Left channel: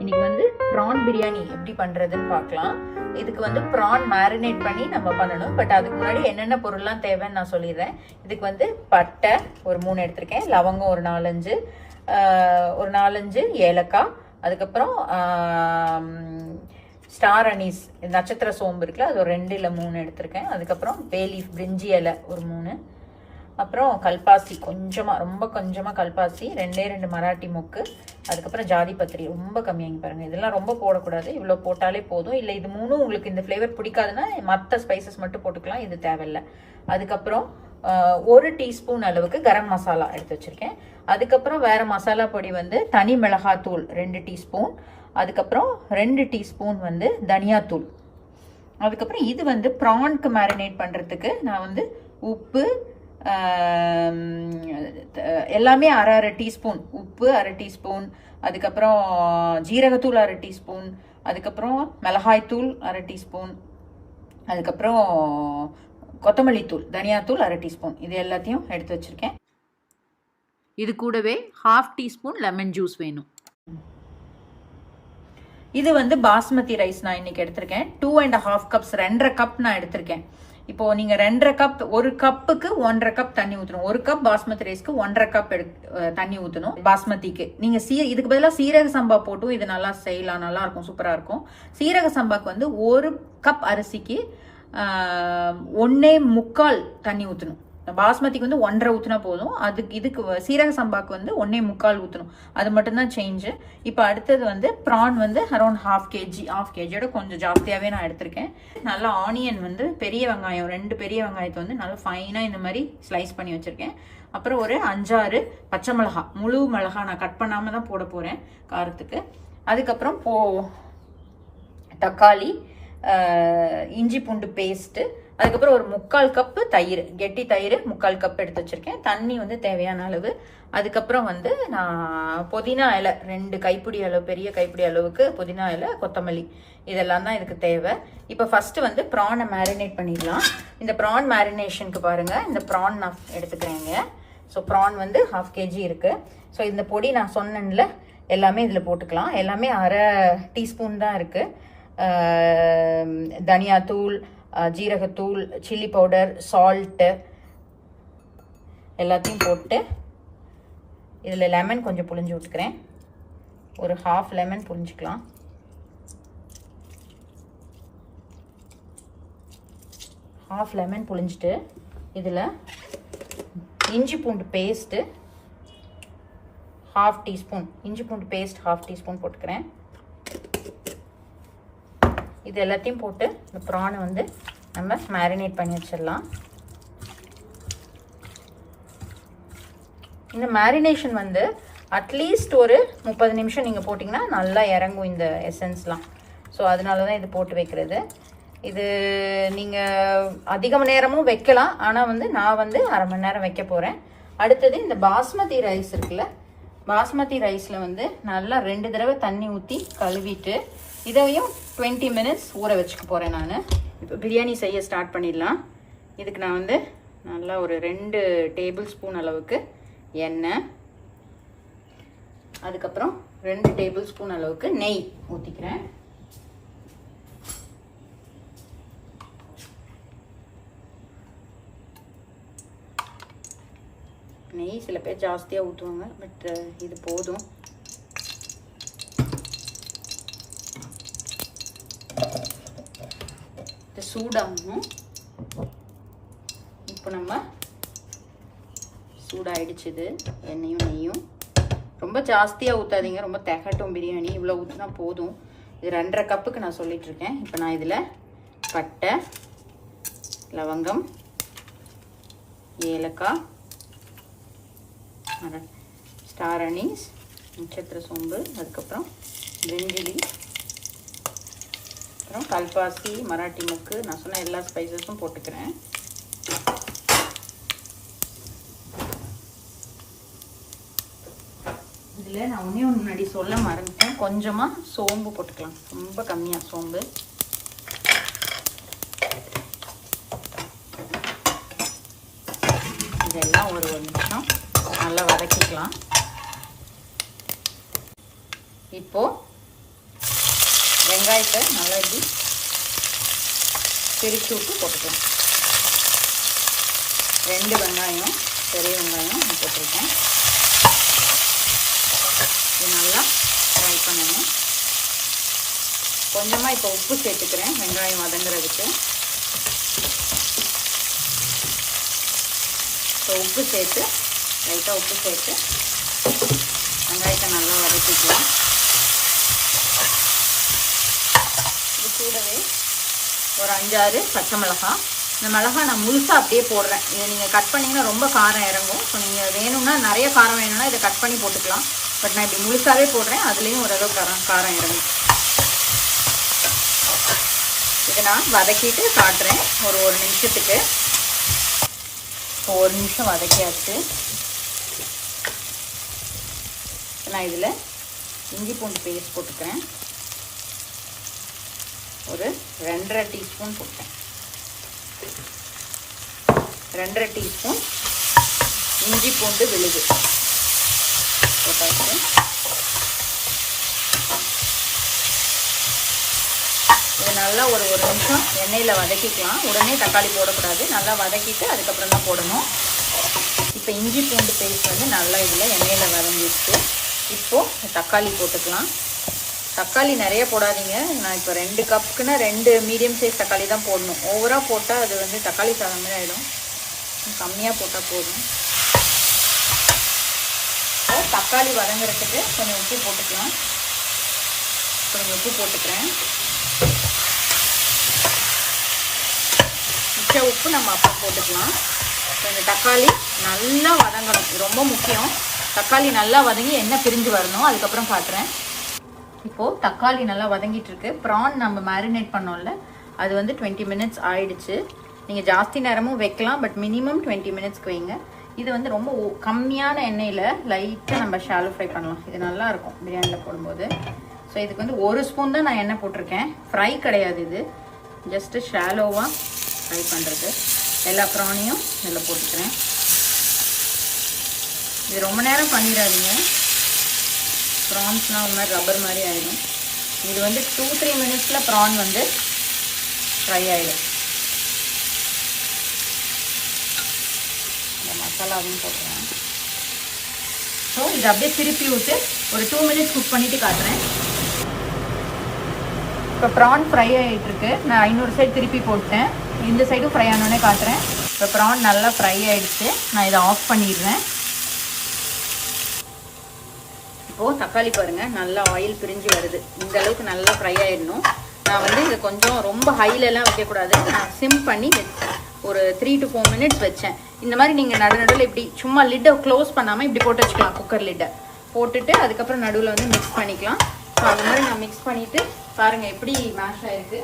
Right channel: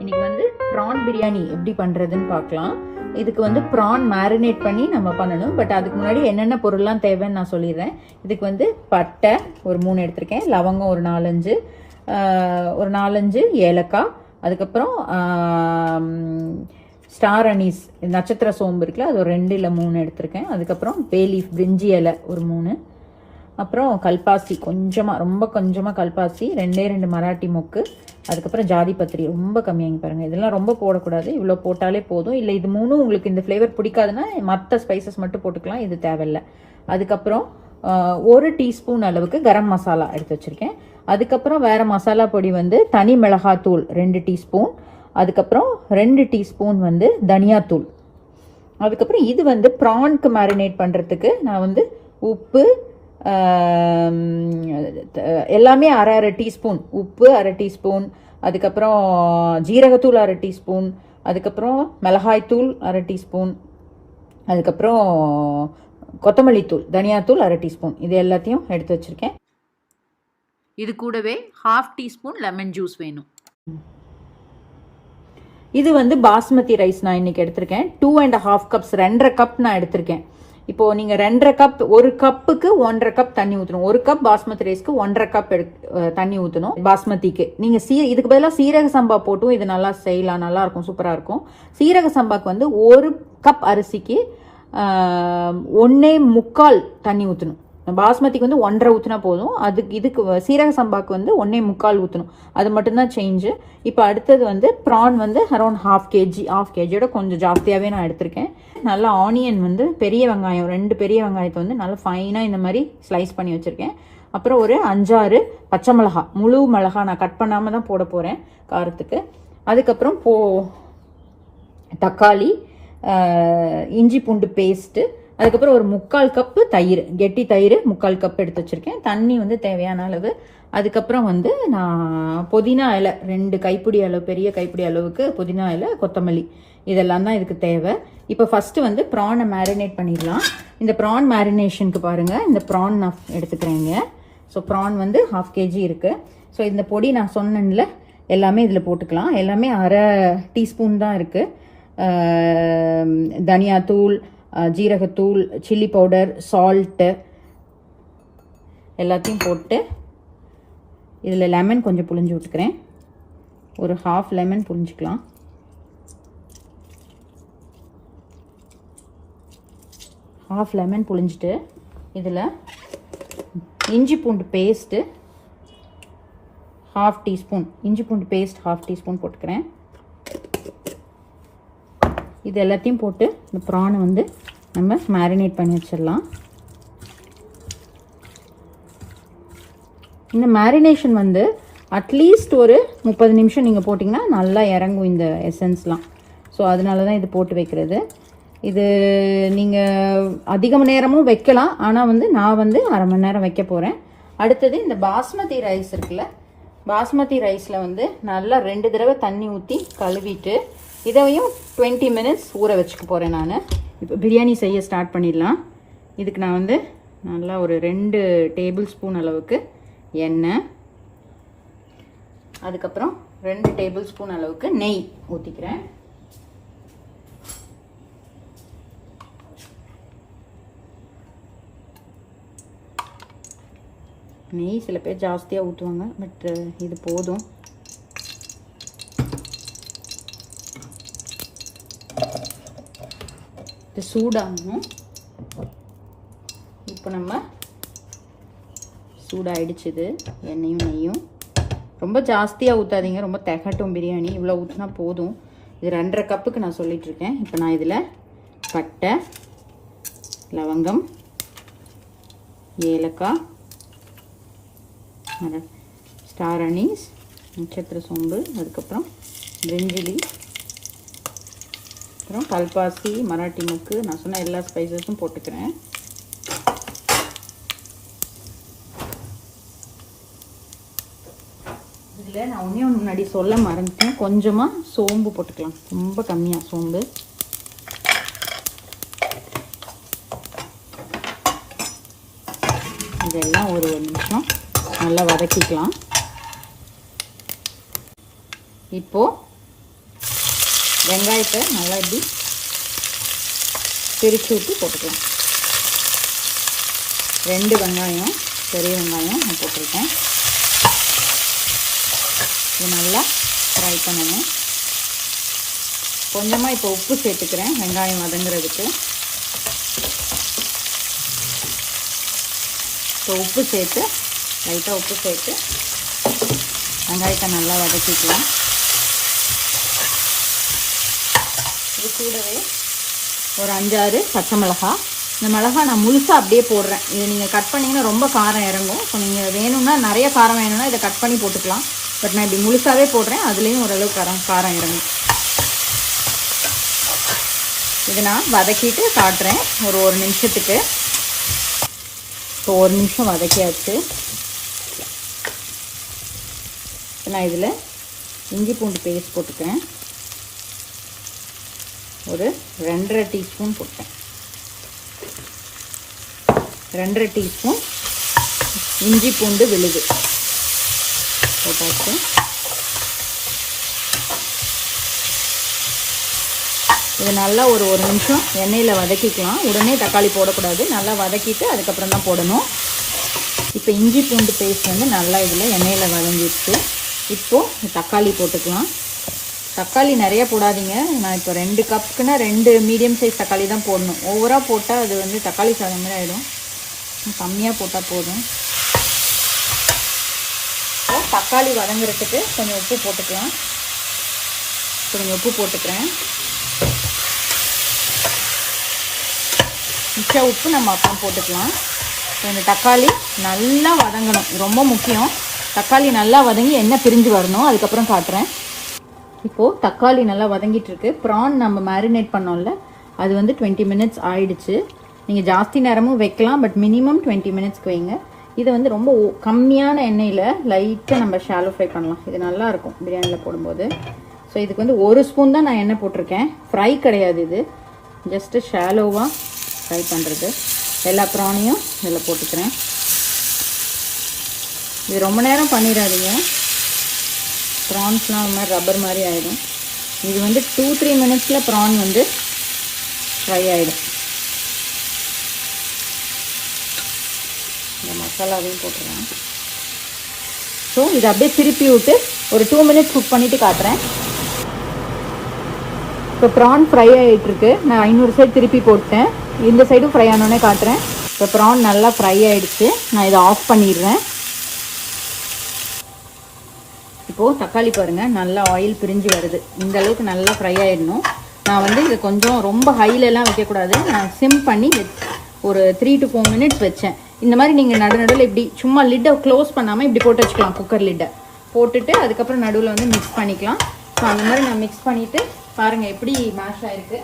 இன்னைக்கு வந்து ப்ரான் பிரியாணி எப்படி பண்றதுன்னு பார்க்கலாம். இதுக்கு வந்து ப்ரான் மேரினேட் பண்ணி நம்ம பண்ணணும். பட் அதுக்கு முன்னாடி என்னென்ன பொருள்லாம் தேவைன்னு நான் சொல்லிடுறேன். இதுக்கு வந்து பட்டை ஒரு 3 எடுத்திருக்கேன், லவங்கம் ஒரு 4-5 ஏலக்காய், அதுக்கப்புறம் ஸ்டார் அனீஸ் நட்சத்திர சோம்பு இருக்குல்ல, அது ஒரு 2 இல்லை 3 எடுத்திருக்கேன். அதுக்கப்புறம் பே லீஃப் பிரிஞ்சி இலை ஒரு 3, அப்புறம் கல்பாசி ரொம்ப கொஞ்சமாக கல்பாசி, 2 மராட்டி மொக்கு, அதுக்கப்புறம் ஜாதி பத்திரி ரொம்ப கம்மியாகி பாருங்கள். இதெல்லாம் ரொம்ப போடக்கூடாது, இவ்வளோ போட்டாலே போதும். இல்லை இது 3 உங்களுக்கு இந்த ஃப்ளேவர் பிடிக்காதுன்னா மற்ற ஸ்பைசஸ் மட்டும் போட்டுக்கலாம், இது தேவையில்லை. அதுக்கப்புறம் 1 டீஸ்பூன் அளவுக்கு கரம் மசாலா எடுத்து வச்சுருக்கேன். அதுக்கப்புறம் வேறு மசாலா பொடி வந்து தனி மிளகாத்தூள் 2 டீஸ்பூன், அதுக்கப்புறம் 2 டீஸ்பூன் வந்து தனியாத்தூள். அதுக்கப்புறம் இது வந்து ப்ரான்க்கு மேரினேட் பண்ணுறதுக்கு நான் வந்து உப்பு எல்லாமே அரை டீஸ்பூன் உப்பு, அரை டீஸ்பூன், அதுக்கப்புறம் ஜீரகத்தூள் அரை டீஸ்பூன், அதுக்கப்புறம் மிளகாய்த்தூள் அரை டீஸ்பூன், அதுக்கப்புறம் கொத்தமல்லி தூள் தனியாத்தூள் அரை டீஸ்பூன், இது எல்லாத்தையும் எடுத்து வச்சுருக்கேன். இது கூடவே 1/2 டீஸ்பூன் லெமன் ஜூஸ் வேணும். இது வந்து பாஸ்மதி ரைஸ் நான் இன்னைக்கு எடுத்திருக்கேன். 2.5 கப்ஸ், 2.5 கப் நான் எடுத்திருக்கேன். இப்போ நீங்க 2.5 கப், 1 கப்புக்கு 1.5 கப் தண்ணி ஊற்றணும். 1 கப் பாஸ்மதி ரைஸ்க்கு 1.5 கப் தண்ணி ஊற்றணும். பாஸ்மதிக்கு நீங்க இதுக்கு பதிலாக சீரக சம்பா போட்டும் இது நல்லா செய்யலாம், நல்லா இருக்கும், சூப்பராக இருக்கும். சீரக சம்பாக்கு வந்து 1 கப் அரிசிக்கு 1.25 தண்ணி ஊற்றணும். பாஸ்மதிக்கு வந்து 1.5 ஊற்றினா போதும். இதுக்கு சீரக சம்பாக்கு வந்து 1.25 ஊற்றணும். அது மட்டும்தான் சேஞ்சு. இப்போ அடுத்தது வந்து ப்ரான் வந்து அரௌண்ட் 1/2 கேஜியோட கொஞ்சம் ஜாஸ்தியாகவே நான் எடுத்திருக்கேன். நல்லா ஆனியன் வந்து பெரிய வெங்காயம் 2 பெரிய வெங்காயத்தை வந்து நல்லா ஃபைனாக இந்த மாதிரி ஸ்லைஸ் பண்ணி வச்சுருக்கேன். அப்புறம் ஒரு 5-6 பச்சை மிளகா, முழு மிளகா நான் கட் பண்ணாமல் தான் போட போகிறேன் காரத்துக்கு. அதுக்கப்புறம் தக்காளி, இஞ்சி பூண்டு பேஸ்ட்டு, அதுக்கப்புறம் ஒரு 3/4 கப்பு தயிர், கெட்டி தயிர் 3/4 கப் எடுத்து வச்சிருக்கேன். தண்ணி வந்து தேவையான அளவு. அதுக்கப்புறம் வந்து நான் புதினா இலை 2 கைப்பிடி அளவு, பெரிய கைப்பிடி அளவுக்கு புதினா இலை, கொத்தமல்லி, இதெல்லாம் தான் இதுக்கு தேவை. இப்போ ஃபர்ஸ்ட் வந்து ப்ரானை மேரினேட் பண்ணிடலாம். இந்த ப்ரான் மேரினேஷனுக்கு பாருங்க, இந்த ப்ரான் நான் எடுத்துக்கிறேங்க. ஸோ ப்ரான் வந்து 1/2 கேஜி இருக்கு. ஸோ இந்த பொடி நான் சொன்னேன்ல எல்லாமே இதில் போட்டுக்கலாம். எல்லாமே அரை டீஸ்பூன் தான் இருக்கு. தனியாத்தூள், ஜீரகத்தூள், சில்லி பவுடர், சால்ட்டு எல்லாத்தையும் போட்டு இதில் லெமன் கொஞ்சம் புழிஞ்சு விட்டுக்கிறேன். ஒரு 1/2 லெமன் புழிஞ்சிக்கலாம். ½ லெமன் புழிஞ்சிட்டு இதில் இஞ்சி பூண்டு பேஸ்ட்டு 1/2 டீஸ்பூன், இஞ்சி பூண்டு பேஸ்ட் 1/2 டீஸ்பூன் போட்டுக்கிறேன். இது எல்லாத்தையும் போட்டு இந்த ப்ரானை வந்து நம்ம மேரினேட் பண்ணி வச்சிடலாம். இந்த மேரினேஷன் வந்து அட்லீஸ்ட் ஒரு 30 நிமிஷம் நீங்கள் போட்டிங்கன்னா நல்லா இறங்கும் இந்த எசன்ஸ்லாம். ஸோ அதனால தான் இது போட்டு வைக்கிறது. இது நீங்கள் அதிக நேரமும் வைக்கலாம், ஆனால் வந்து நான் வந்து அரை மணி நேரம் வைக்க போகிறேன். அடுத்தது இந்த பாஸ்மதி ரைஸ் இருக்குல்ல, பாஸ்மதி ரைஸில் வந்து நல்லா 2 தடவை தண்ணி ஊற்றி கழுவிட்டு இதையும் 20 மினிட்ஸ் ஊற வச்சுக்க போகிறேன் நான். இப்போ பிரியாணி செய்ய ஸ்டார்ட் பண்ணிடலாம். இதுக்கு நான் வந்து நல்லா ஒரு 2 டேபிள் ஸ்பூன் அளவுக்கு எண்ணெய், அதுக்கப்புறம் 2 டேபிள் ஸ்பூன் அளவுக்கு நெய் ஊற்றிக்கிறேன். நெய் சில பேர் ஜாஸ்தியாக ஊற்றுவாங்க, பட் இது போதும். இது சூடாகும். இப்போ நம்ம சூடாயிடுச்சுது எண்ணெயும் நெய்யும். ரொம்ப ஜாஸ்தியாக ஊற்றாதீங்க, ரொம்ப திகட்டும் பிரியாணி. இவ்வளோ ஊற்றினா போதும். இது 2.5 கப்புக்கு நான் சொல்லிகிட்ருக்கேன். இப்போ நான் இதில் பட்டை, லவங்கம், ஏலக்காய், ஸ்டார் அனீஸ், நட்சத்திர சோம்பு, அதுக்கப்புறம் பிரிஞ்சிலி, அப்புறம் கல்பாசி, மராட்டி மொக்கு, நான் சொன்ன எல்லா ஸ்பைசஸும் போட்டுக்கிறேன். இதில் நான் ஒன்றே முன்னாடி சொல்ல மறந்துட்டேன், கொஞ்சமாக சோம்பு போட்டுக்கலாம், ரொம்ப கம்மியாக சோம்பு. இதெல்லாம் ஒரு நிமிஷம் நல்லா வதக்கிக்கலாம். இப்போது வெங்காயத்தை நல்லா இப்படி பிரித்து விட்டு போட்டுக்கலாம். 2 வெங்காயம், பெரிய வெங்காயம் நான் போட்டிருக்கேன். இது நல்லா ஃப்ரை பண்ணணும். கொஞ்சமாக இப்போ உப்பு சேர்த்துக்கிறேன் வெங்காயம் வதங்குறதுக்கு. இப்போ உப்பு சேர்த்து லைட்டாக உப்பு சேர்த்து வெங்காயத்தை நல்லா வதக்கிக்கலாம். இது கூடவே ஒரு 5-6 பச்சை மிளகாய். இந்த மிளகாய் நான் முழுசாக அப்படியே போடுறேன். இதை நீங்கள் கட் பண்ணிங்கன்னா ரொம்ப காரம் இறங்கும். ஸோ நீங்கள் வேணும்னா நிறைய காரம் வேணும்னா இதை கட் பண்ணி போட்டுக்கலாம். பட் நான் இப்படி முழுசாகவே போடுறேன். அதுலேயும் ஓரளவு காரம் இறங்கும். இது நான் வதக்கிட்டு காட்டுறேன் ஒரு நிமிஷத்துக்கு. இப்போ 1 நிமிஷம் வதக்கியாச்சு. நான் இதில் இஞ்சி பூண்டு பேஸ்ட் போட்டுக்கிறேன். ஒரு 2.5 டீஸ்பூன் போட்டேன். 2.5 டீஸ்பூன் இஞ்சி பூண்டு விழுது போட்டாச்சு. இது நல்லா ஒரு நிமிஷம் எண்ணெயில் வதக்கிக்கலாம். உடனே தக்காளி போடக்கூடாது. நல்லா வதக்கிட்டு அதுக்கப்புறம் தான் போடணும். இப்போ இஞ்சி பூண்டு பேஸ்ட் வந்து நல்லா இதில் எண்ணெயில் வதங்கிடுச்சு. இப்போது தக்காளி போட்டுக்கலாம். தக்காளி நிறைய போடாதீங்க. நான் இப்போ 2 கப்புக்குன்னா 2 மீடியம் சைஸ் தக்காளி தான் போடணும். ஓவராக போட்டால் அது வந்து தக்காளி சாதம் மாதிரி ஆகிடும். கம்மியாக போட்டால் போதும். தக்காளி வதங்குறதுக்கு கொஞ்சம் உப்பு போட்டுக்கலாம். கொஞ்சம் உப்பு போட்டுக்கிறேன். மிச்ச உப்பு நம்ம அப்புறம் போட்டுக்கலாம். இந்த தக்காளி நல்லா வதங்கணும். ரொம்ப முக்கியம். தக்காளி நல்லா வதங்கி எண்ணெய் பிரிஞ்சு வரணும். அதுக்கப்புறம் காட்டுறேன். இப்போது தக்காளி நல்லா வதங்கிட்டு இருக்கு. ப்ரான் நம்ம மேரினேட் பண்ணோம்ல, அது வந்து 20 மினிட்ஸ் ஆயிடுச்சு. நீங்கள் ஜாஸ்தி நேரமும் வைக்கலாம். பட் மினிமம் 20 மினிட்ஸ்க்கு வைங்க. இதை வந்து ரொம்ப கம்மியான எண்ணெயில் லைட்டாக நம்ம ஷாலோ ஃப்ரை பண்ணலாம். இது நல்லாயிருக்கும் பிரியாணியில் போடும்போது. ஸோ இதுக்கு வந்து 1 ஸ்பூன் தான் நான் எண்ணெய் போட்டிருக்கேன். ஃப்ரை கிடையாது, இது ஜஸ்ட்டு ஷாலோவாக ஃப்ரை பண்ணுறது. எல்லா ப்ரானையும் இதில் போட்டுக்கிறேன். இது ரொம்ப நேரம் பண்ணிடாதீங்க. ப்ரான்ஸ்லாம் ஒரு மாதிரி ரப்பர் மாதிரி ஆகிடும். இது வந்து 2-3 மினிட்ஸில் ப்ரான் வந்து ஃப்ரை ஆகிடும். இந்த மசாலாவையும் போட்டுருவேன். ஸோ இதை அப்படியே திருப்பி விட்டு ஒரு 2 மினிட்ஸ் குக் பண்ணிவிட்டு காட்டுறேன். இப்போ ப்ரான் ஃப்ரை ஆகிட்டுருக்கு. நான் இன்னொரு சைடு திருப்பி போட்டேன். இந்த சைடும் ஃப்ரை ஆனோடனே காட்டுறேன். இப்போ ப்ரான் நல்லா ஃப்ரை ஆகிடுச்சு. நான் இதை ஆஃப் பண்ணிடுறேன். இப்போது தக்காளி பாருங்கள் நல்லா ஆயில் பிரிஞ்சு வருது. இந்த அளவுக்கு நல்லா ஃப்ரை ஆகிடணும். நான் வந்து இது கொஞ்சம் ரொம்ப ஹைலெலாம் வைக்கக்கூடாது. நான் சிம் பண்ணி ஒரு 3 to 4 மினிட்ஸ் வச்சேன். இந்த மாதிரி நீங்கள் நடுவில் இப்படி சும்மா லிட்டை க்ளோஸ் பண்ணாமல் இப்படி போட்டு வச்சுக்கலாம். குக்கர் லிட்டை போட்டுட்டு அதுக்கப்புறம் நடுவில் வந்து மிக்ஸ் பண்ணிக்கலாம். ஸோ அந்த மாதிரி நான் மிக்ஸ் பண்ணிவிட்டு பாருங்கள் எப்படி மேஷ் ஆகிருக்கு.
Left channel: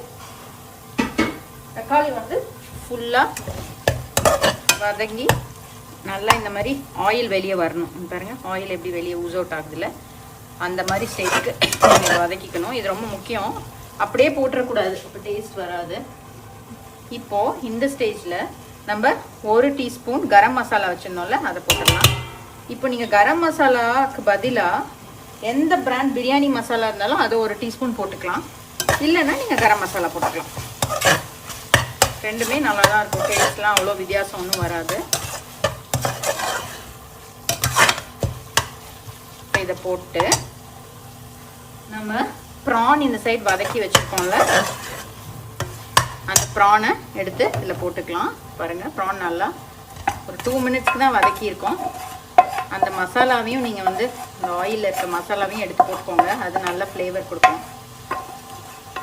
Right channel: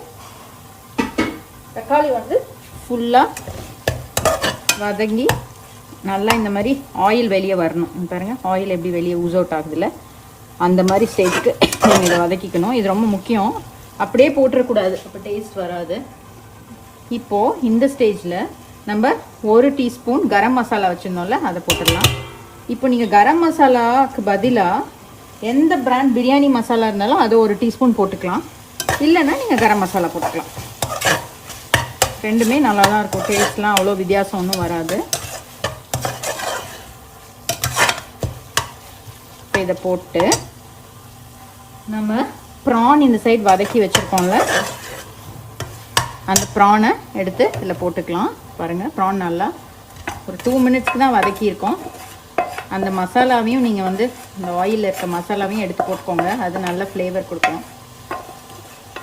தக்காளி வந்து ஃபுல்லாக வதங்கி நல்லா இந்த மாதிரி ஆயில் வெளியே வரணும். பாருங்கள் ஆயில் எப்படி வெளியே ஊஸ் அவுட் ஆகுதுல்ல, அந்த மாதிரி ஸ்டேஜ்க்கு இதை வதக்கிக்கணும். இது ரொம்ப முக்கியம். அப்படியே போட்டுறக்கூடாது, அப்போ டேஸ்ட் வராது. இப்போது இந்த ஸ்டேஜில் நம்ம 1 டீஸ்பூன் கரம் மசாலா வச்சுருந்தோம்ல, அதை போட்டுடலாம். இப்போ நீங்கள் கரம் மசாலாவுக்கு பதிலாக எந்த பிராண்ட் பிரியாணி மசாலா இருந்தாலும் அது 1 டீஸ்பூன் போட்டுக்கலாம். இல்லைன்னா நீங்கள் கரம் மசாலா போட்டுக்கலாம். ரெண்டுமே நல்லா தான் இருக்கும். டேஸ்ட்லாம் அவ்வளோ வித்தியாசம் ஒன்றும் வராது. இதை போட்டு நம்ம ப்ரான் இந்த சைடு வதக்கி வச்சுருக்கோம்ல, அந்த ப்ரானை எடுத்து இதில் போட்டுக்கலாம். பாருங்கள் ப்ரான் நல்லா ஒரு 2 மினிட்ஸ்க்கு தான் வதக்கியிருக்கோம். அந்த மசாலாவையும் நீங்கள் வந்து இந்த ஆயிலில் இருக்க மசாலாவையும் எடுத்து போட்டுக்கோங்க. அது நல்ல ஃப்ளேவர் கொடுக்கும்.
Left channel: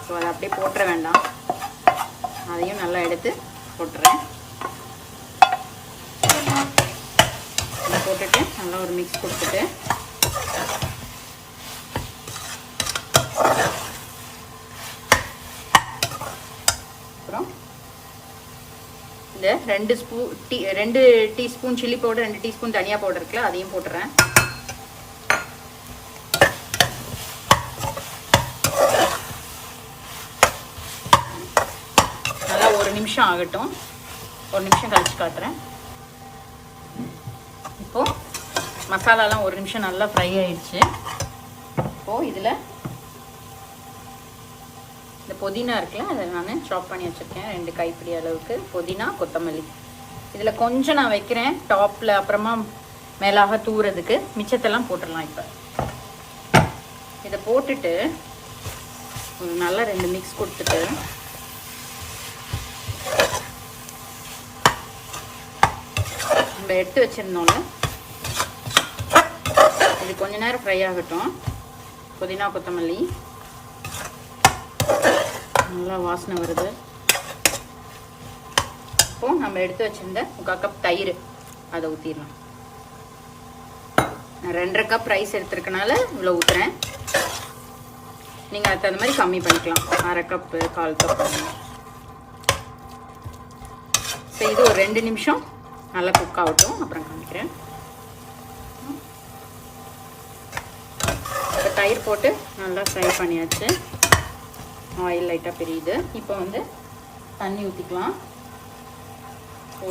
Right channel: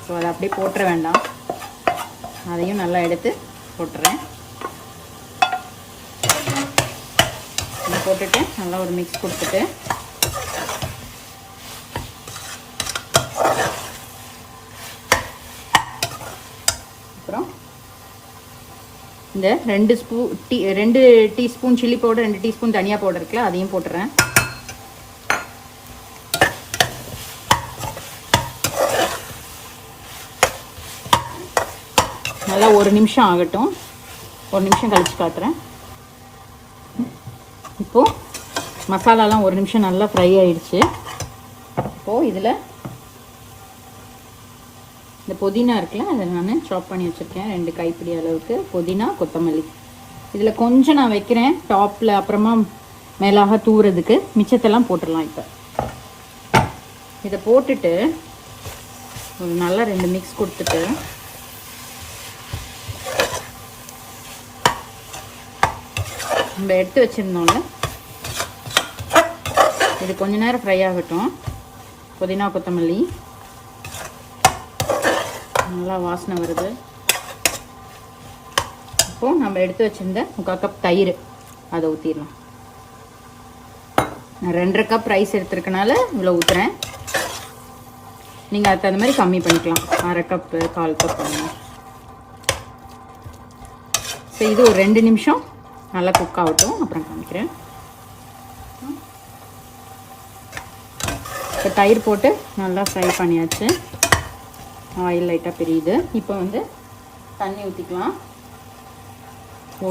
ஸோ அதை அப்படியே போட்டுற வேண்டாம். அதையும் நல்லா எடுத்து போட்டுறேன். போட்டுட்டு நல்லா ஒரு மிக்ஸ் கொடுத்துட்டு அப்புறம் இந்த 2 டீஸ்பூன் சில்லி பவுடர், 2 டீஸ்பூன் தனியா பவுடர் இருக்குல்ல, அதையும் போட்டுறேன். நல்லா 1 நிமிஷம் ஆகட்டும். 1 நிமிஷம் கழிச்சு காட்டுறேன். இப்போது மசாலாலாம் 1 நிமிஷம் நல்லா ஃப்ரை ஆயிடுச்சு. இப்போது இதில் புதினா இருக்குல்ல, அதை நான் சாப் பண்ணி வச்சுருக்கேன். 2 கைப்பிடி அளவுக்கு புதினா, கொத்தமல்லி. இதில் கொஞ்சம் நான் வைக்கிறேன் டாப்பில், அப்புறமா மேலாக தூறதுக்கு. மிச்சத்தெல்லாம் போட்டுடலாம். இப்போ இதை போட்டுட்டு ஒரு நல்லா 2 மிக்ஸ் கொடுத்துட்டு நம்ம எடுத்து வச்சுருந்தோம்ல, இது கொஞ்ச நேரம் ஃப்ரை ஆகட்டும். புதினா கொத்தமல்லி நல்லா வாசனை வருது. இப்போ நம்ம எடுத்து வச்சிருந்த 3/4 கப் தயிர் அதை ஊற்றிடலாம். நான் 2.5 கப் ரைஸ் எடுத்துருக்கனால இவ்வளோ ஊற்றுறேன். நீங்கள் அதுக்கு தகுந்த மாதிரி கம்மி பண்ணிக்கலாம். 1/2 கப்பு 1/4 கப். ஸோ இது ஒரு 2 நிமிஷம் நல்லா குக் ஆகட்டும், அப்புறம் காமிக்கிறேன். இப்போ தயிர் போட்டு நல்லா ஃப்ரை பண்ணியாச்சு. ஆயில் லைட்டாக பிரியுது. இப்போ வந்து தண்ணி ஊற்றிக்கலாம்.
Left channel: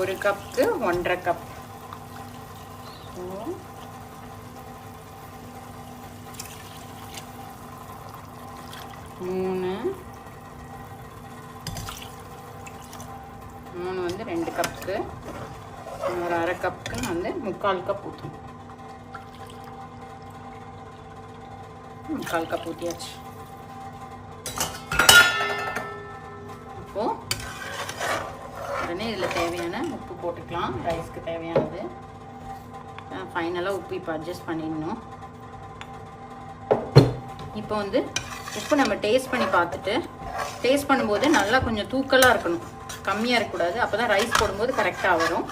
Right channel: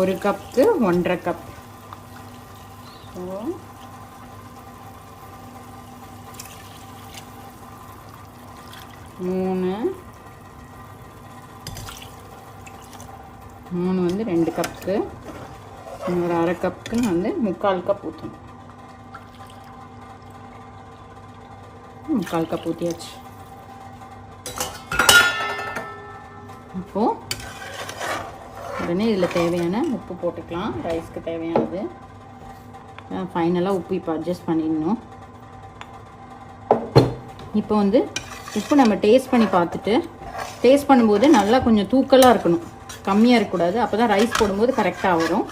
1 கப்புக்கு 1.5 கப். 3 வந்து 2 கப்புக்கு, ஒரு 1/2 கப்புக்கு வந்து 3/4 கப் ஊற்றணும். 3/4 கப் ஊற்றியாச்சு. இப்போது உடனே இதில் தேவையான உப்பு போட்டுக்கலாம். ரைஸ்க்கு தேவையானது. ஃபைனலாக உப்பு இப்போ அட்ஜஸ்ட் பண்ணிடணும். இப்போ வந்து உப்பு நம்ம டேஸ்ட் பண்ணி பார்த்துட்டு, டேஸ்ட் பண்ணும்போது நல்லா கொஞ்சம் தூக்கலாக இருக்கணும், கம்மியாக இருக்கக்கூடாது. அப்போ தான் ரைஸ் போடும்போது கரெக்டாக வரும்.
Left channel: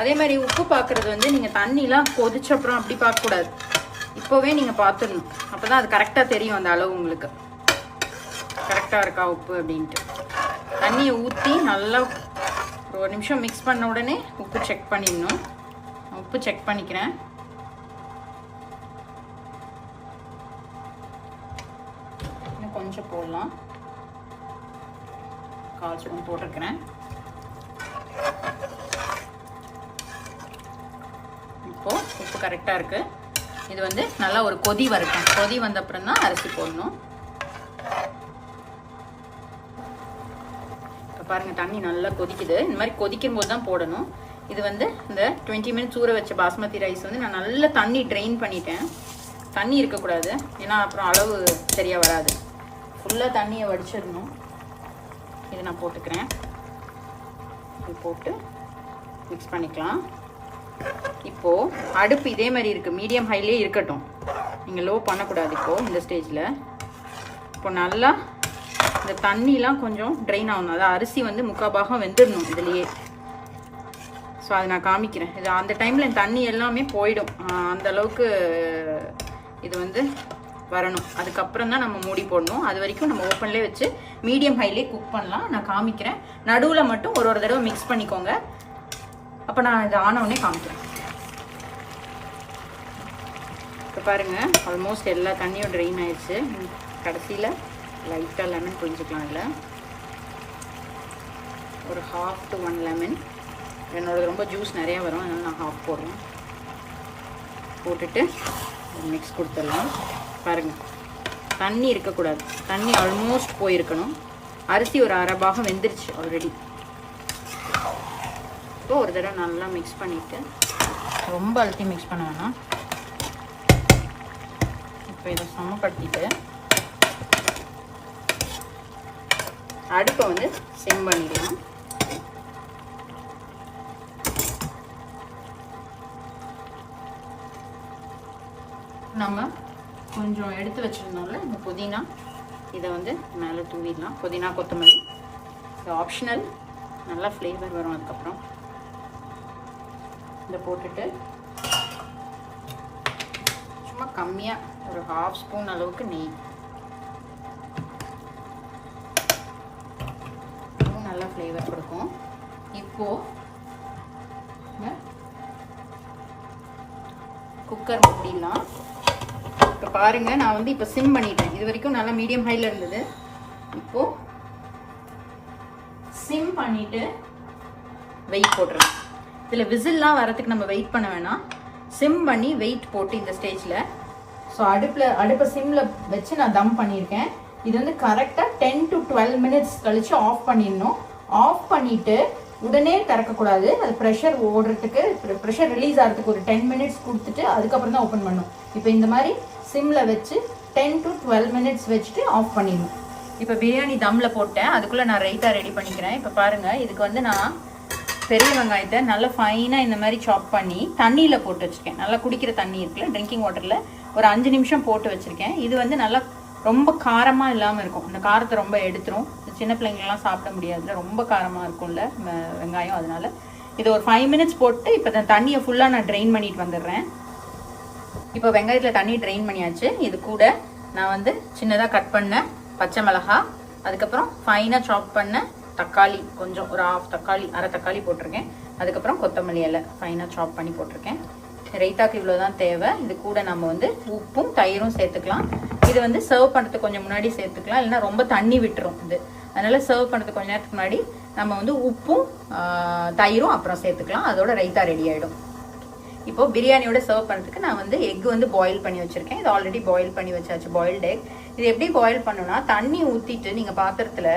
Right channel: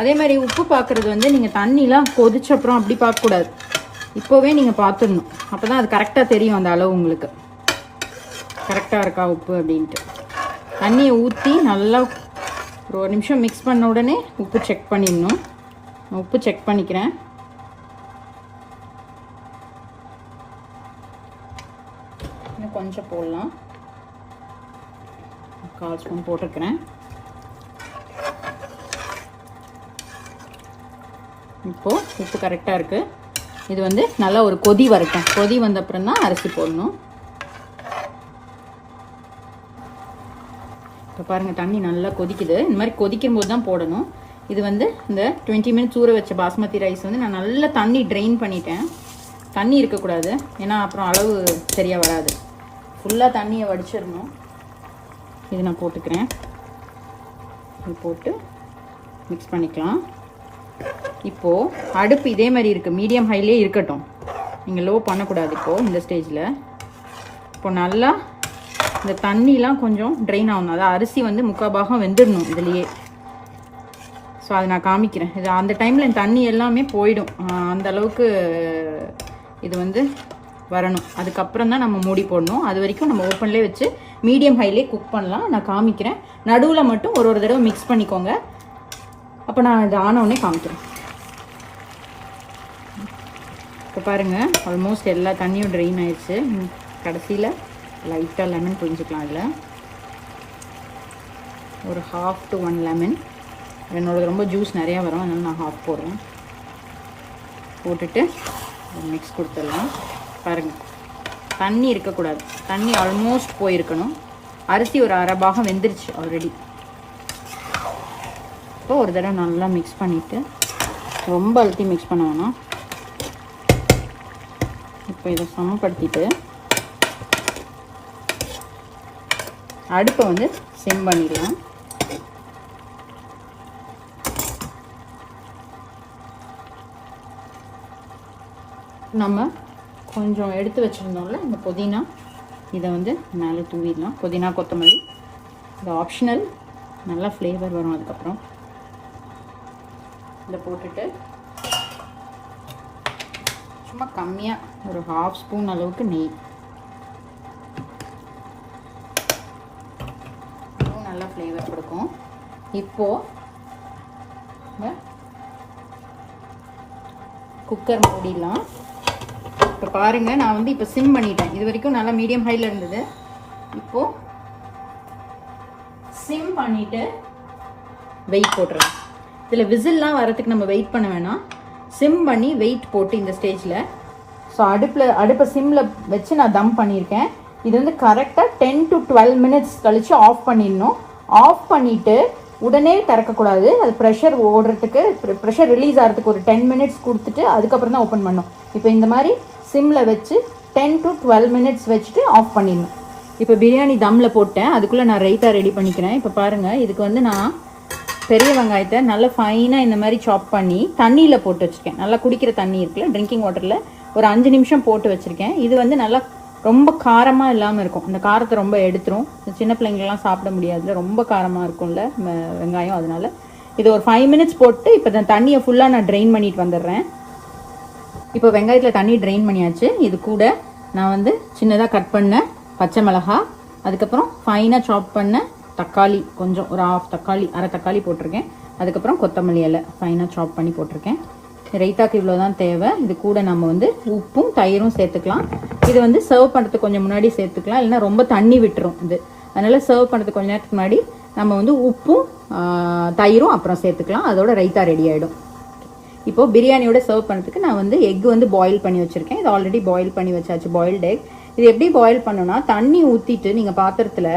அதே மாதிரி உப்பு பார்க்குறது வந்து நீங்கள் தண்ணிலாம் கொதிச்ச அப்புறம் அப்படி பார்க்கக்கூடாது, இப்போவே நீங்கள் பார்த்துடணும். அப்போ தான் அது கரெக்டாக தெரியும், அந்த அளவு உங்களுக்கு கரெக்டாக இருக்கா உப்பு அப்படின்ட்டு. தண்ணியை ஊற்றி நல்லா ஒரு 1 நிமிஷம் மிக்ஸ் பண்ண உடனே உப்பு செக் பண்ணிடணும். உப்பு செக் பண்ணிக்கிறேன். இன்னும் கொஞ்சம் போடலாம். 1/4 ஸ்பூன் போட்டிருக்கிறேன். இப்போது உப்பு கரெக்டாக இருக்குது. இது வந்து நல்லா ஒரு கொதி வரட்டும். கொதி வந்த அப்புறம் தான் அரிசி போடணும். இப்போ பாருங்கள், தண்ணி நல்லா கொதிக்குது. இந்த மாதிரி கொதிக்கும் போது தான் போடணும். இது வந்து இந்த 20 மினிட்ஸ் ஊற வச்ச பாஸ்மதி ரைஸ் வந்து நான் நல்லா தண்ணி ட்ரெயின் பண்ணிட்டேன். தண்ணி இருக்கக்கூடாது, ஏன்னா அப்புறம் அளவு சரியாக வராது. ஃபுல்லாக தண்ணியை வடிச்சிடணும். இது நான் போட்டுக்கிறேன். இது போட்டு மிக்ஸ் பண்ணிக்கலாம். இப்போது அடுப்பு இதே மாதிரி இருக்குது, மீடியம் ஹைலே இருக்கட்டும். நீங்கள் லோ பண்ணக்கூடாது. இப்போது இந்த ஸ்டேஜில் இப்போ நல்லா இந்த தண்ணிலாம் கொஞ்சம் ட்ரெயின் ஆகணும். அதாவது அரிசி வந்து 3/4 பாகம் வெந்துடணும் இதுலேயே. ஸோ அதை நான் காமிக்கிறேன். இது அந்த டைமில் இந்த தண்ணி எல்லாமே போயிடும். அந்த அளவுக்கு இது வந்து வரணும். அதுக்கப்புறம் தான் நம்ம மூடி போடணும். அது வரைக்கும் நம்ம ஓப்பன்லேயே வச்சு மீடியம் ஹைலே குக் பண்ணலாம். நான் காமிக்கிறேன். நடுவில் மட்டும் ஒரு தடவை மிக்ஸ் பண்ணிக்கோங்க. அப்போ நான் இது ஆனவுடனே காமிக்கிறேன். இப்போ பாருங்கள், ஆல்மோஸ்ட் எல்லா தண்ணியும் ட்ரெயின் ஆயிடுச்சு. கடைசியில் லைட்டாக லெமன் புரிஞ்சுக்கலாம். அதில் ஒரு 1/2 to 1 லெமன். என்னோட ரொம்ப ஜூஸ் நிறையா வரும், அதனால நான் 1/2 போடுறேன். போட்டுட்டு மிக்ஸ் கொடுத்துடலாம். பாருங்கள், தண்ணி இருக்கக்கூடாது. தண்ணி ஆல்மோஸ்ட் போயிருக்கணும். அரிசி ஒரு 1/2 பாகம் வெந்துருச்சு ஆல்ரெடி. இப்போ ஒரு தடவை நல்லா மிக்ஸ் பண்ணிவிட்டு, ரொம்ப அழுத்தி மிக்ஸ் பண்ண வேணாம். இப்போ இதை சமப்படுத்திட்டு அடுப்பை வந்து சிம் பண்ணிடலாம். நம்ம கொஞ்சம் எடுத்து வச்சுருந்தோம்ல இந்த புதினா, இதை வந்து மேலே தூவிடலாம். புதினா கொத்தமல்லி இது ஆப்ஷனல், நல்லா ஃப்ளேவர் வரும். அதுக்கப்புறம் இதை போட்டுட்டு சும்மா கம்மியாக ஒரு 1/2 ஸ்பூன் அளவுக்கு நெய், நல்லா ஃப்ளேவர் கொடுக்கும். இப்போது குக்கர் மூடிடலாம். இப்போ பாருங்கள், நான் வந்து இப்போ சிம் பண்ணிட்டேன். இது வரைக்கும் நல்லா மீடியம் ஹையில் இருந்தது. இப்போது சிம் பண்ணிவிட்டு வெயிட் போட்டுறேன். இதில் விசில்லாம் வரத்துக்கு நம்ம வெயிட் பண்ண வேணாம். சிம் பண்ணி வெயிட் போட்டு இந்த ஸ்டேஜில். ஸோ அடுப்பை சிம்மில் வச்சு நான் தம் பண்ணியிருக்கேன். இது வந்து கரெக்டாக 10 to 12 மினிட்ஸ் கழிச்சு ஆஃப் பண்ணிடணும். ஆஃப் பண்ணிட்டு உடனே திறக்கக்கூடாது. அது ப்ரெஷர் ஓடுறதுக்கு, ப்ரெஷர் ரிலீஸ் ஆகிறதுக்கு ஒரு 10 மினிட்ஸ் கொடுத்துட்டு அதுக்கப்புறம் தான் ஓப்பன் பண்ணணும். இப்போ இந்த மாதிரி சிம்மில் வச்சு 10 to 12 மினிட்ஸ் வச்சுட்டு ஆஃப் பண்ணிடணும். இப்போ பிரியாணி தம்மில் போட்டேன். அதுக்குள்ளே நான் ரைத்தா ரெடி பண்ணிக்கிறேன். இப்போ பாருங்கள், இதுக்கு வந்து நான் பெரிய வெங்காயத்தை நல்லா ஃபைனாக இந்த மாதிரி சாப் பண்ணி தண்ணியில் போட்டு வச்சுருக்கேன். நல்லா குடிக்கிற தண்ணி இருக்குல்ல, ட்ரிங்கிங் வாட்டரில் ஒரு 5 நிமிஷம் போட்டு வச்சுருக்கேன். இது வந்து நல்லா ரொம்ப காரமாக இல்லாமல் இருக்கும். இந்த காரத்தை ரொம்ப எடுத்துரும். சின்ன பிள்ளைங்கள்லாம் சாப்பிட முடியாதுல, ரொம்ப காரமாக இருக்கும்ல வெங்காயம். அதனால இது ஒரு 5 மினிட்ஸ் போட்டு இப்போ நான் தண்ணியை ஃபுல்லாக நான் ட்ரெயின் பண்ணிட்டு வந்துடுறேன். இப்போ வெங்காயத்தில் தண்ணி ட்ரெயின் பண்ணியாச்சு. இது கூட நான் வந்து சின்னதாக கட் பண்ண பச்சை மிளகாய், அதுக்கப்புறம் ஃபைனாக சாப் பண்ண தக்காளி, கொஞ்சம் ஒரு அரை தக்காளி போட்டிருக்கேன். அதுக்கப்புறம் கொத்தமல்லி இலை ஃபைனாக சாப் பண்ணி போட்டிருக்கேன். ரைத்தாக்கு இவ்வளோதான் தேவை. இது கூட நம்ம வந்து உப்பும் தயிரும் சேர்த்துக்கலாம். இது வந்து சர்வ் பண்ணுறதுக்கு கொஞ்சம் முன்னாடி சேர்த்துக்கலாம், இல்லைன்னா ரொம்ப தண்ணி விட்டுரும் இது. அதனால சர்வ் பண்ணுறதுக்கு கொஞ்சம் நேரத்துக்கு முன்னாடி நம்ம வந்து உப்பும் தயிரும் அப்புறம் சேர்த்துக்கலாம். அதோட ரைத்தா ரெடி ஆகிடும். இப்போ பிரியாணியோட சர்வ் பண்ணுறதுக்கு நான் வந்து எக் வந்து பாயில் பண்ணி வச்சுருக்கேன். இது ஆல்ரெடி பாயில் பண்ணி வச்சாச்சு, பாயில்டு எக். இது எப்படி பாயில் பண்ணணும்னா, தண்ணி ஊற்றிட்டு நீங்கள் பாத்திரத்தில்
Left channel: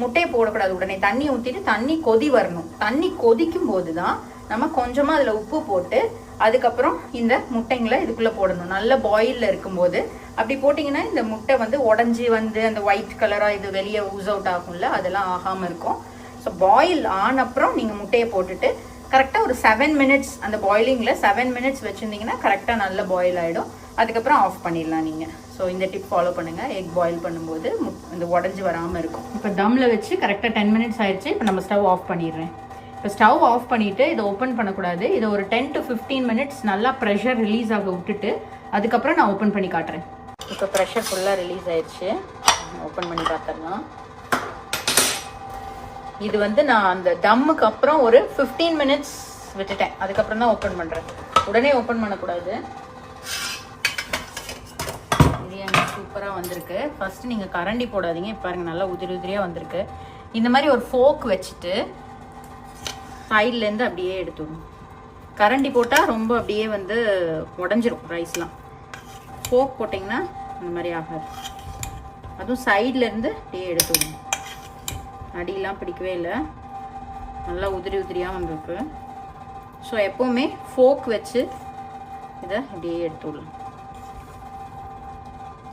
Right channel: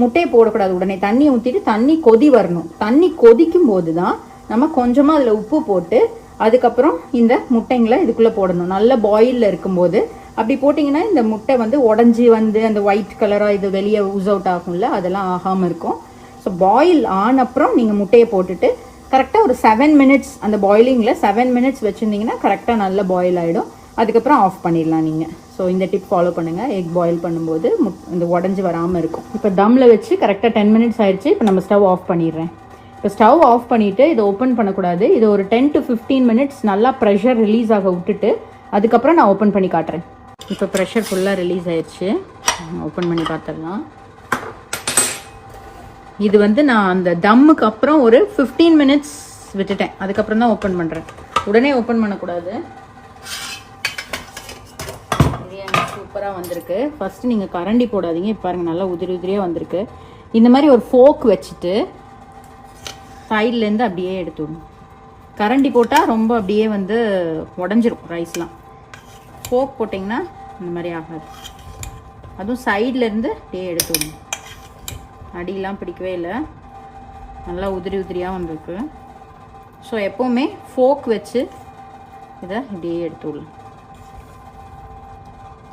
முட்டையை போடக்கூடாது. உடனே தண்ணி ஊற்றிட்டு தண்ணி கொதி வரணும். தண்ணி கொதிக்கும் போது தான் நம்ம கொஞ்சமாக அதில் உப்பு போட்டு அதுக்கப்புறம் இந்த முட்டைங்களை இதுக்குள்ளே போடணும். நல்ல பாயிலில் இருக்கும்போது அப்படி போட்டிங்கன்னா இந்த முட்டை வந்து உடஞ்சி வந்து அந்த ஒயிட் கலராக இது வெளியே ஊஸ் அவுட் ஆகும்ல, அதெல்லாம் ஆகாமல் இருக்கும். ஸோ பாயில் ஆனப்புறம் நீங்கள் முட்டையை போட்டுட்டு கரெக்டாக ஒரு 7 மினிட்ஸ் அந்த பாயிலிங்கில் 7 மினிட்ஸ் வச்சுருந்தீங்கன்னா கரெக்டாக நல்ல பாயில் ஆகிடும். அதுக்கப்புறம் ஆஃப் பண்ணிடலாம் நீங்கள். ஸோ இந்த டிப் ஃபாலோ பண்ணுங்கள். எக் பாயில் பண்ணும்போது இந்த உடஞ்சி வராமல் இருக்கும். இப்போ தம்மில் வச்சு கரெக்டாக 10 மினிட்ஸ் ஆயிடுச்சு. இப்போ நம்ம ஸ்டவ் ஆஃப் பண்ணிடுறேன். இப்போ ஸ்டவ் ஆஃப் பண்ணிவிட்டு இதை ஓப்பன் பண்ணக்கூடாது. இது ஒரு 10 to 15 மினிட்ஸ் நல்லா ப்ரெஷர் ரிலீஸ் ஆக விட்டுட்டு அதுக்கப்புறம் நான் ஓப்பன் பண்ணி காட்டுறேன். இப்போ ப்ரெஷர் ஃபுல்லாக ரிலீஸ் ஆயிடுச்சு. ஓப்பன் பண்ணி பார்த்துடலாம். இது வந்து நான் அந்த தம்முக்கு அப்புறம் ஒரு 15 மினிட்ஸ் விட்டுட்டேன். அதுக்கப்புறம் தான் ஓப்பன் பண்ணுறேன். உடனே ஓப்பன் பண்ணக்கூடாது. பிரியாணி சூப்பராக வந்திருக்கு. ஃபர்ஸ்ட் நீங்கள் கரண்டி போடாதீங்க. இப்போ பாருங்க, நல்லா உதிரி உதிரியாக வந்திருக்கு. இந்த மாதிரி ஒரு ஃபோக் வச்சுட்டு சைட்லேருந்து அப்படியே எடுத்துடணும். கரண்டி போட்டால் ரொம்ப அப்படியே வந்து உடஞ்சிரும் ரைஸ்லாம். ஃபோக் போட்டிங்கன்னா இந்த மாதிரி ஆகாது. அதுவும் சைட்லேருந்து அப்படியே எடுத்துடணும். அடியெலாம் பிடிக்கவே இல்லை, நல்லா உதிரி உதிரியாக வந்திருக்கு. ஸோ எப்போவுமே ஃபோக் வச்சு இதை இப்படியே எடுத்துடலாம்.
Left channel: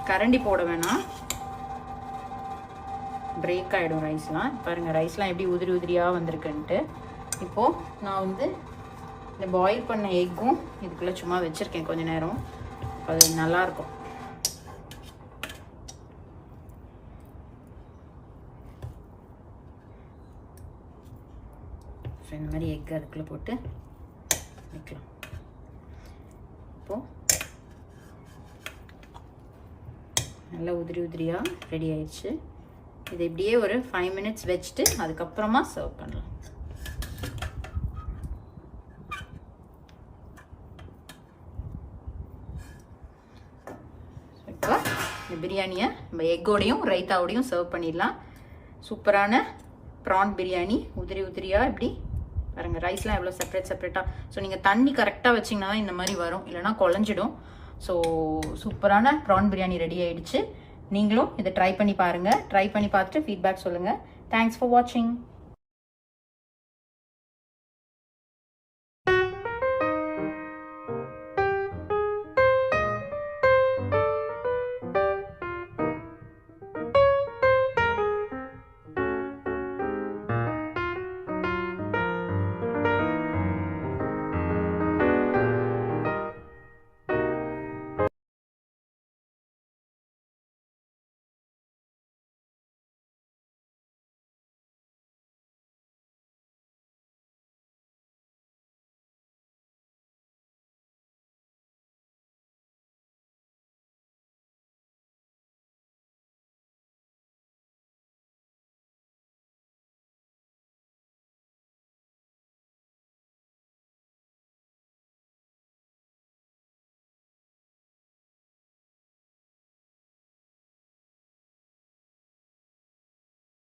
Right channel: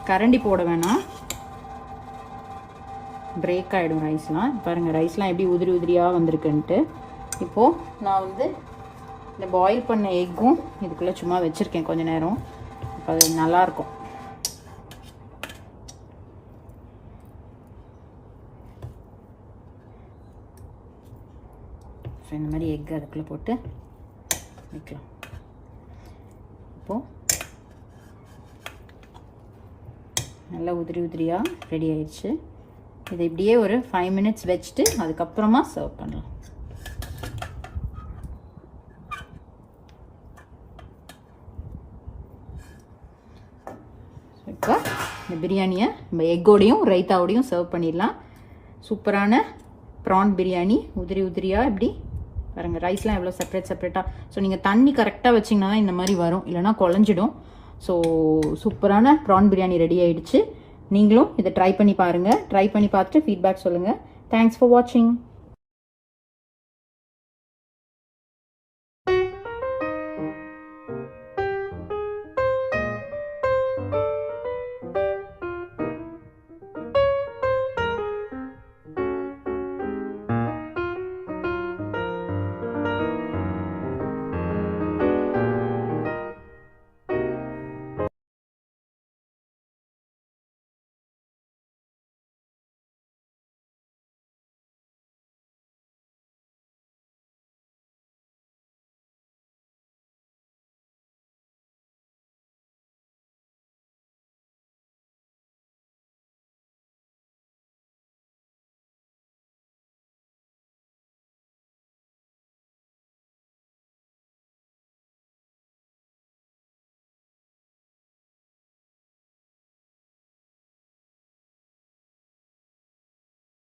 கரண்டி போட வேணாம், பிரேக் ஆகிடும் ரைஸ்லாம். பாருங்கள், ரைஸ்லாம் எப்படி உதிரி உதிரியாக வந்திருக்குன்ட்டு. இப்போது நான் வந்து இந்த பாயில் பண்ண எக்கும் இதுக்குள்ளே சும்மா வச்சுருக்கேன் கொஞ்ச நேரம். இப்போ அது நல்லாயிருக்கும். ஸோ இந்த மாதிரி எக் அதுக்குள்ளே போட்டு வைக்கலாம். இப்போது நல்லா உதிரி உதிரியாக ரெடி ஆயிடுச்சு. இது இப்படியே ஒரு 5 மினிட்ஸ் வச்சுட்டு அதுக்கப்புறமா சர்வ் பண்ணலாம். இப்போ இந்த பிரியாணியை நம்ம எக்கோடையும் ரைத்தாவோடையும் சர்வ் பண்ணிடலாம். சூப்பரான ப்ரான் பிரியாணி, உதிரி உதிரியாக இப்படி பாருங்கள். ரைஸ்லாம் எவ்வளோ செப்பரேட்டாக. ஸோ நீங்கள் தண்ணி கரெக்டாக வச்சிங்கன்னா இந்த மாதிரி வரும், இல்லைனா குழஞ்சிடும். ஸோ சூப்பரான ப்ரான் பிரியாணி ரெடி ஆகிடுச்சு. நீங்களும் இதை ட்ரை பண்ணி பாருங்கள். ட்ரை பண்ணி பார்த்துட்டு ஃபீட்பேக் சொல்லுங்கள். தேங்க்ஸ் ஃபார் வாட்சிங்.